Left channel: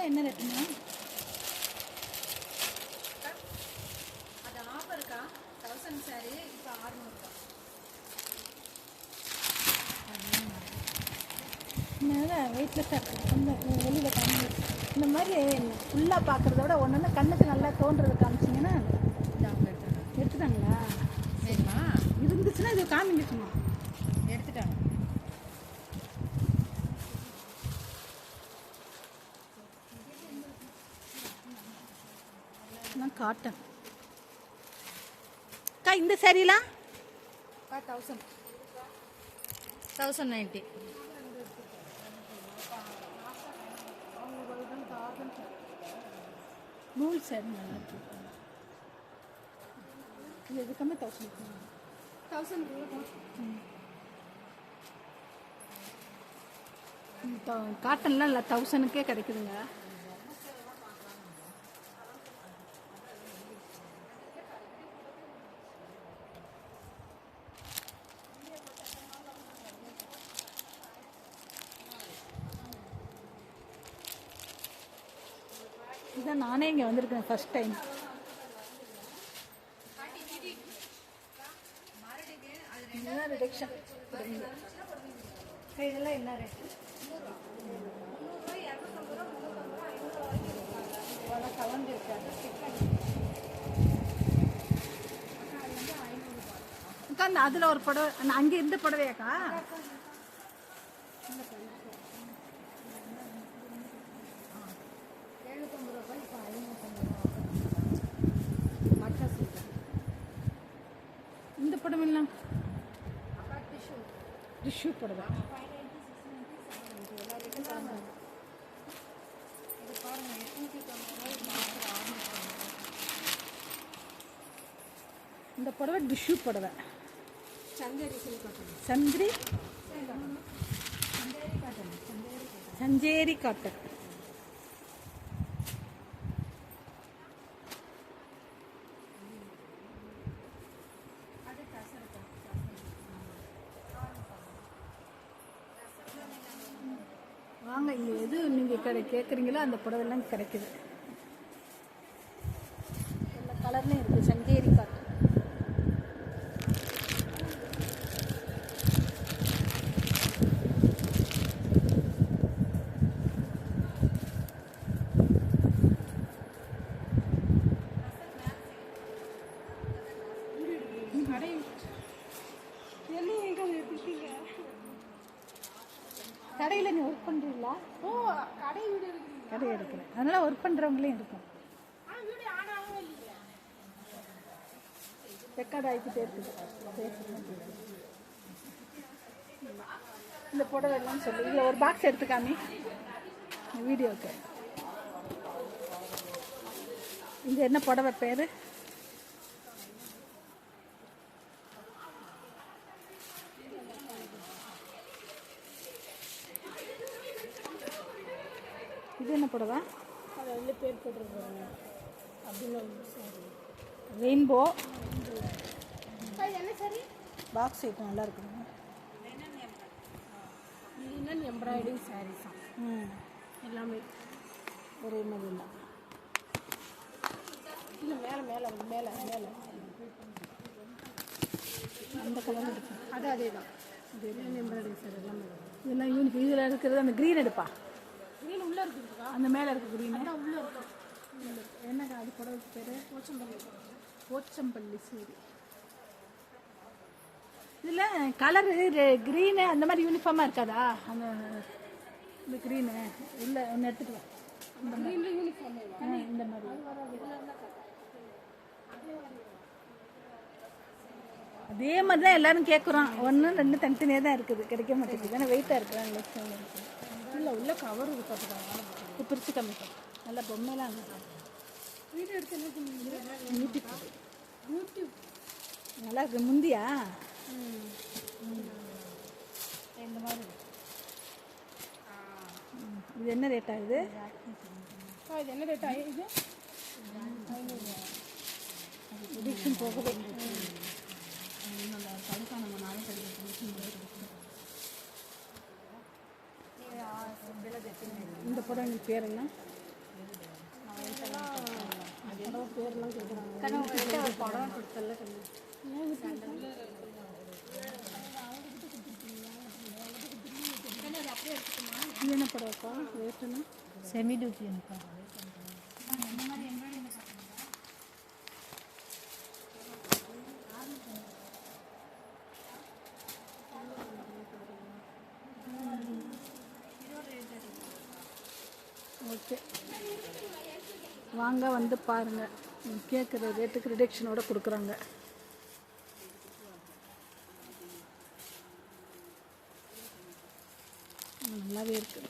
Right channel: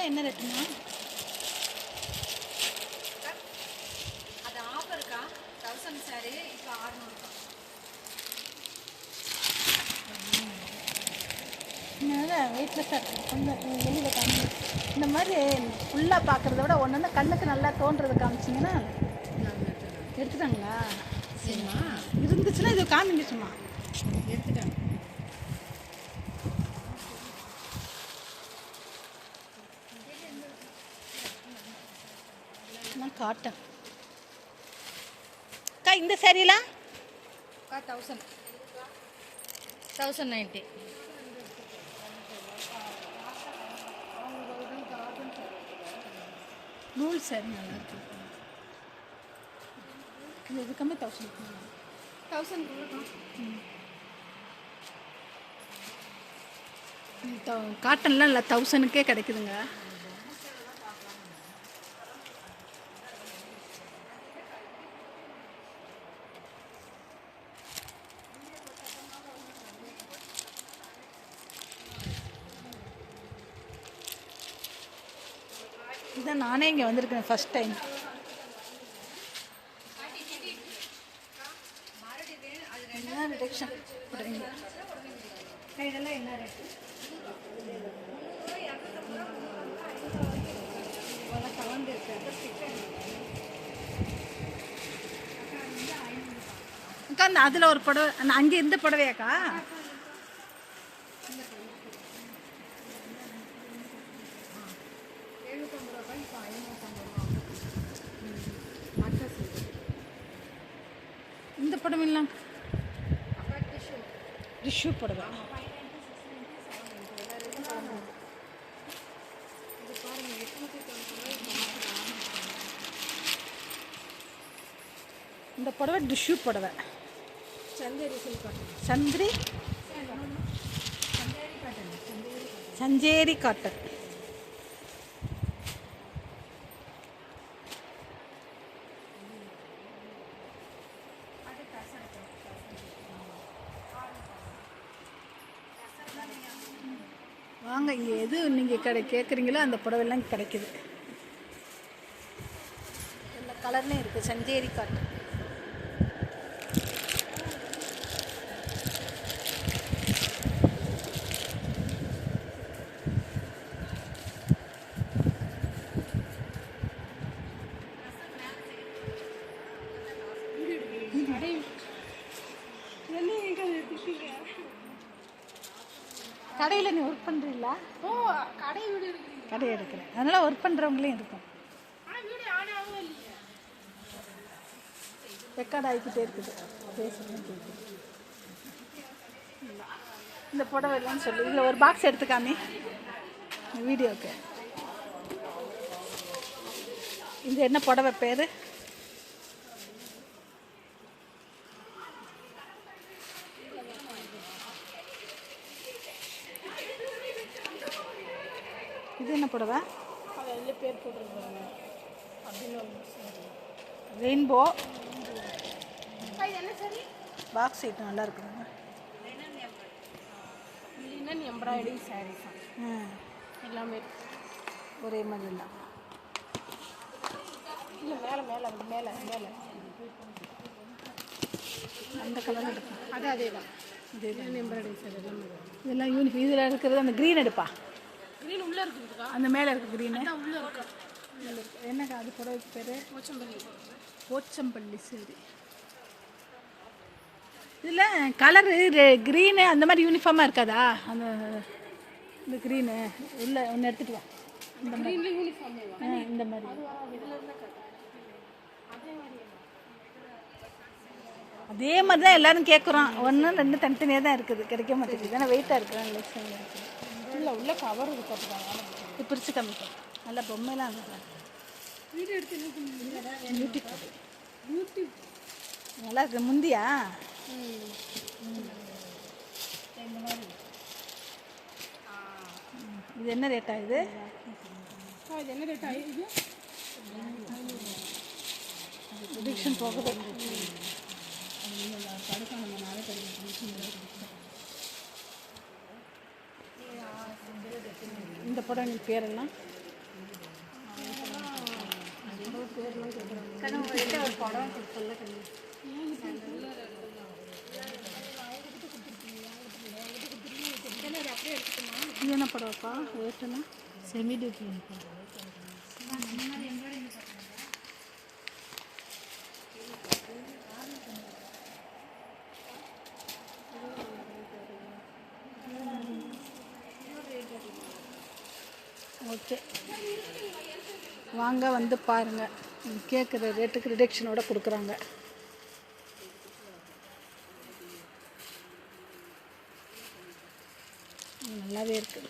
இதெல்லாம் என்ன ரேட்டுமா? அது ஆஃபருக்கா தௌசண்ட் சாரி இப்போ ஆறுநூறுக்கா இருக்குது கொஞ்சம் வெளியில் காமி இந்த மாதிரி ஃபுல்லாக பார்க்குறத விட ஒன்று ஒன்று கண்ணுக்கு நல்லா தோன்றதை காமிச்சிங்கன்னா எடுத்துட்டாங்களா? இருந்துச்சுன்னா இது காமிங்க சும்மா. எடுத்துட்டாங்க. காட்டன். அக்கா இந்த சாரீலாம் தௌசண்ட் தௌசண்ட் நைன்ட்டி நூல் சாரி நல்லா இருக்கு. இது எதுக்குமே தௌசண்ட் தௌசண்ட் காட்டன்லாம் இல்லை தௌசண்ட்க்கே கிடைக்குதுங்க. இதான் நானே இங்கே வந்திருக்கேன் ஃபர்ஸ்ட் டைம் இதுதான் ரிடக்ஷன் இதெல்லாம் என்ன ரேட்டு அக்கா அந்த அதில் ஒரு புடவை அங்கே இந்த புடவையாக்கா? இந்த டிஷ்யூ புடவை இந்த புடவை டிஷ்யூ புடவை. சந்திரி. சஞ்சேரி காட்டன். வாங்க இங்கே எது நீங்கள் கடை கேட்குறீங்களோ அந்த புடவைலாம் கிடைக்கிது. கிடைக்குது எல்லா கலர்லேயும் இருக்குது சஞ்சேரி காட்டன். கடையில் நீ ஒர்க் பண்ணுறீங்களா ஓ கடை வீடு இருக்கிறீங்க கடை எடுக்கிறேன். அதனால் ஒர்க் பண்ணுறவங்களையும் இருக்கும். ரெக்கார்ட் ஆகிக்கிட்டே இருக்குது. பேசுகிறேன் இந்த புடவை இல்லைன்னு சொல்லு. இதில் ஒரு பாக்ஸ் எடுத்துக்காமி. இந்த வீடியோக்கு. இது என்ன புடவை பேர்? இது என்ன புடவை? அதை எல்லாம் பேர் போட்டிருக்காங்க அப்படின்னு சரி ரெயின்போ அது என்ன சரி பாக்ஸ் ஐட்டம் நல்லா இருக்குதுங்க. லினன் எம்ப்ராய்டரி சாரீஸ் எல்லாமே. ஒரே மாதிரி தான் இல்லை மேலே மேலே அது மேலே மேலே. அந்த கலர் எடுப்போம். அது அதே தான் அதே தான் எம்ப்ராய்டரி சார் எல்லாமே இதெல்லாம் யூனிஃபார்ம் இதில் இருக்கிறது அந்த க்ரீன் எடுப்பா. க்ரீன் உள்ளே இருக்குதுக்கா அந்த மேலே இருக்க க்ரீனு அதான் உள்ளே இருக்கு. என்னக்கா அது புடவைக்கு பேர்? போச்சம்பள்ளி. போச்சம்பள்ளி சரி. இதில் கலரு க்ரீனு அந்த மாதிரி யூனிஃபார்மாக இருக்காதா? அந்த இந்த க்ரீனு இல்லை ஒன்று எடுத்துட்டு வா. இந்த மாதிரி. யூனிஃபார்மே இந்த மாதிரி. அதே மாதிரி தான் எல்லாரும் கேட்குறோம் ஒன்று ரெண்டு தனித்தனியாக தான் இருக்குது. கிடைக்க மாட்டேங்குது. ஏன்னா வெயிட்டாக இருக்குது லெக்ஷன் இருக்குது இல்லை உள்ள கவர் இருக்கு பார்த்துக்காங்க இது பிரித்து காமிப்போம். நல்லா பொம்மைலாம் நல்லா இருக்கு. வீடு எடுத்து பியூட்டிஃபுல் யூடியூப். நல்லா இருக்கு. முந்தியா. இது என்ன ரேட்டா இது? என்ன ரிடக்ஷன் போகுது புடவைங்க பேரெல்லாம் பேர்லாம் கேட்குறாங்க கண்ணா உங்கள்கிட்ட படம் செமி டூக்கி எனக்கு ஓகே. வாங்க வந்து பாருங்கள் கேட்குற ரேட்டுக்கு ரிடக்ஷனோட கொடுக்குறாங்க. நல்லாவே இருக்குது